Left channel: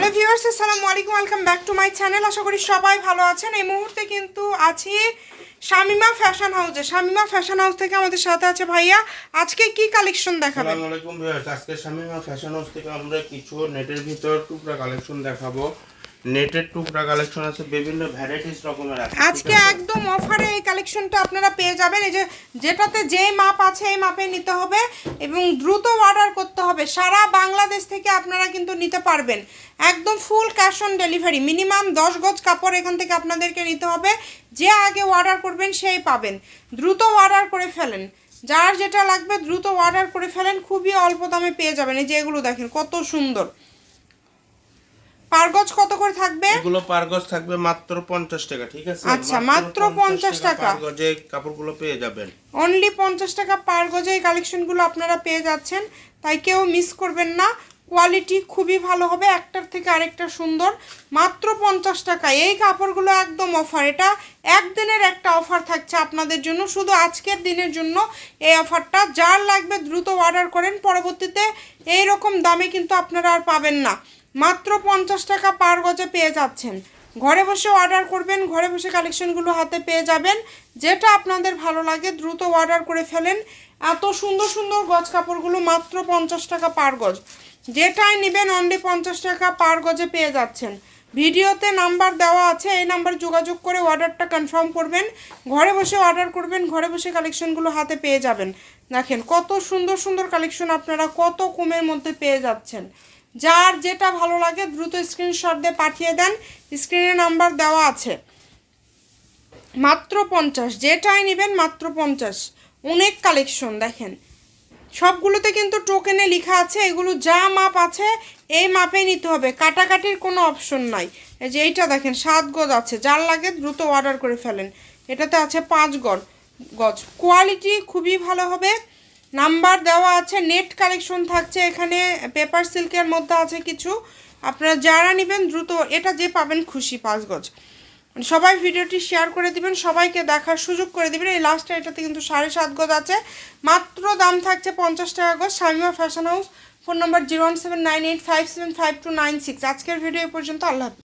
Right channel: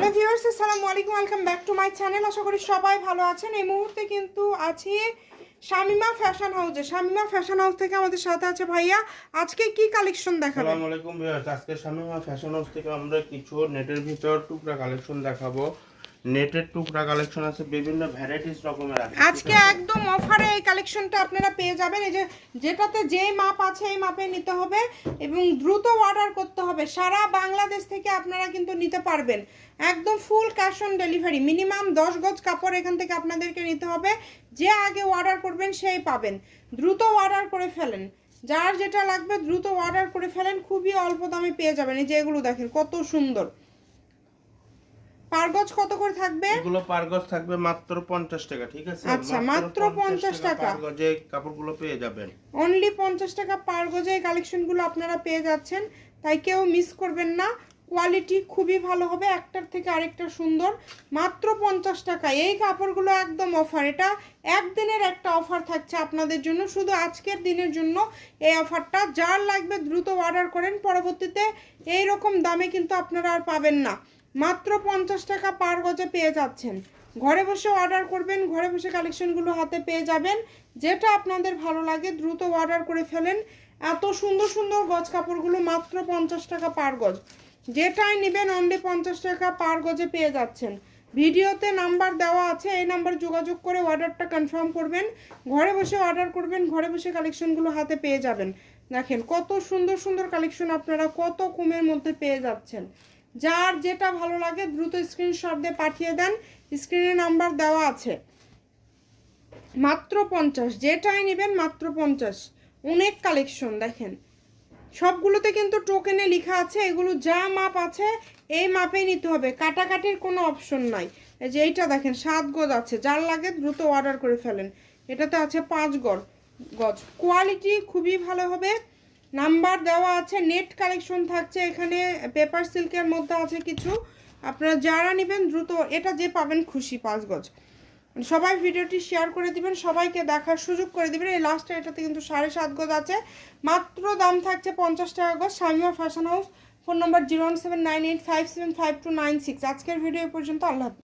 Hello viewers, আসসালামু আলাইকুম, welcome back to my channel. আশা করি সবাই ভালো আছেন। এই মুহূর্তে কিন্তু আছি শামিমা ফ্যাশন হাউসে। শামিমা ফ্যাশন হাউস থেকে আমাদের সাথে আছে ভাইয়া। আজকে কি কালেকশন দেখাবেন? আসসালামু আলাইকুম ভিউয়ার্স, আজকে শামিমা ফ্যাশন হাউস থেকে আমরা কিছু নেটের ভিতর টুকরা কালেকশন দেখাবো। নেটের টুকরা কালেকশন আছে, বিভিন্ন ভ্যারাইটিস রকমের আছে। আজকে একদম অফারে এই কালেকশনটা আপনারা পেয়ে যাবেন। এই যে যেটাতে যেই মাপ আছে এই মাপে নিতে হবে এবং দ্রুত অর্ডার করতে হবে। সারা বাংলাদেশ থেকে আপনারা কিন্তু নিতে পারবেন। একদম full cash on delivery. Minimum 10 গজ কাপড় এখান থেকে আপনাদেরকে নিতে হবে। যে আগে অর্ডার করবেন সেই পাবেন। দ্রুত অর্ডার করে ফেলেন, যার যেটা লাগবে দ্রুত অর্ডার করে ফেলেন। খুবই অল্প দামে পেয়ে যাবেন। এই যে এগুলো দেখেন কত সুন্দর। পার গজ কত করে থাকবে? এগুলো পার গজ থাকবে মাত্র 50 টাকা, ঠিক আছে? আচ্ছা, মাত্র 50 টাকা পার গজে কাপড়গুলো পেয়ে যাবেন। অনলি 50 টাকা পার গজে এই কালেকশনগুলো আপনারা পেয়ে যাচ্ছেন। তাই কেউ মিস করবেন না। কোয়ালিটি খুবই ভালো হবে, একটার থেকে আরেকটা সুন্দর। মাত্র 50 টাকা এই কাপড়গুলো একদম অফার। এটা একদিনের একটা অফার থাকছে আপনাদের জন্য, শুধু আজকের দিনের জন্য এই অফারটা। যার লাগবে দ্রুত অর্ডার করেন, পরবর্তীতে এই রকম দামে কিন্তু আপনারা আর পাবেন না। মাত্র 50 টাকা পার গজে পেয়ে যাচ্ছেন। ঘরে বসে অর্ডার করবেন, ঘরে বসে কালেকশনগুলো হাতে পেয়ে যাবেন। যেটা আপনাদের ভালো লাগে দ্রুত অর্ডার করে ফেলেন। এত সুন্দর সুন্দর গজ কাপড়গুলো মাত্র 50 টাকা পার গজ। যেটাই নেবেন অনলি 50 টাকা পার গজে পেয়ে যাচ্ছেন। ভিডিওতে নাম্বার দেওয়া আছে, এই নাম্বারে যোগাযোগ করে অর্ডারটা কনফার্ম করবেন। ঘরে বসে অর্ডার করবেন, ঘরে বসে কালেকশনগুলো হাতে পেয়ে যাবেন। দেখেন কত সুন্দর সুন্দর কালেকশন আপনারা কত কমের মধ্যে পেয়ে যাচ্ছেন। যার যেটা ভালো লাগে দ্রুত স্ক্রিনশট দিয়ে পাঠিয়ে দেন। স্ক্রিনে নাম্বার দেওয়া আছে। মাত্র 50, যেটাই নেবেন মাত্র 50। অনেক কালেকশন দেখেন, সবগুলোতে কিন্তু টোকেনে লেখা আছে। এগুলো যা মাপ আছে এই মাপে নিতে হবে, কাটাকাটির কোনো অপশন নাই। এই যে এইটা দেখেন 7 গজ আছে, যার লাগে দ্রুত অর্ডার করে ফেলেন। এটাতে আছে 5 গজ। কোয়ালিটি খুবই ভালো হবে। নাম্বার দেওয়া আছে। নেট কালেকশন থাকছে এখানে, পেপার সিল্কের মধ্যে আছে কিছু। আপনারা যারা নেবেন দ্রুত এটা যে পাবেন খুশি। 5 গজ। সবাই ভিডিওটি শেয়ার করে দিবেন, সবাইকে দেখার সুযোগ করে দিবেন। এই লাস্টে এটাতে কিন্তু 7.5 গজ আছে। মাত্র দাম থাকছে 50 টাকা গজ। Shamima fashion house. ফোন নম্বর 01798575296। আজকের ভিডিও এ পর্যন্ত। আল্লাহ হাফেজ।